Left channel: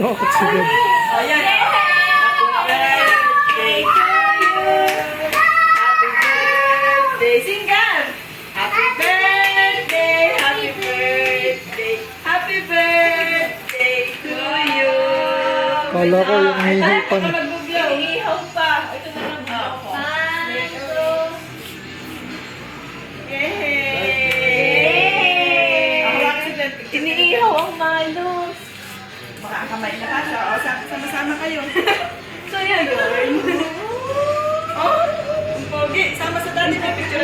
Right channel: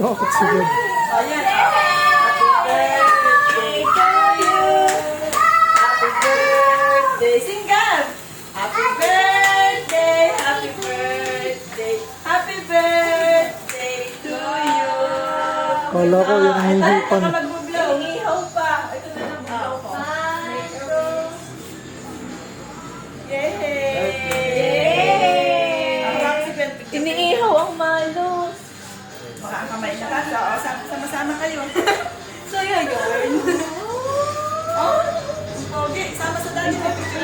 Takot si Gab. Oh, yan. Happy birthday to you. Happy birthday. Sing Gab. Happy birthday. Happy birthday. Happy birthday to you. Kala ko yung hihipan. Mag-blow. Ihaw pa. Ito na mag-blow ko. Yay! Ako lang si Ben. Iniihaw ang malos. Makakamay na ka. So, sama-sama kayo. So, yan yun. Oh, ang pogi. Sama sa daddy na picture.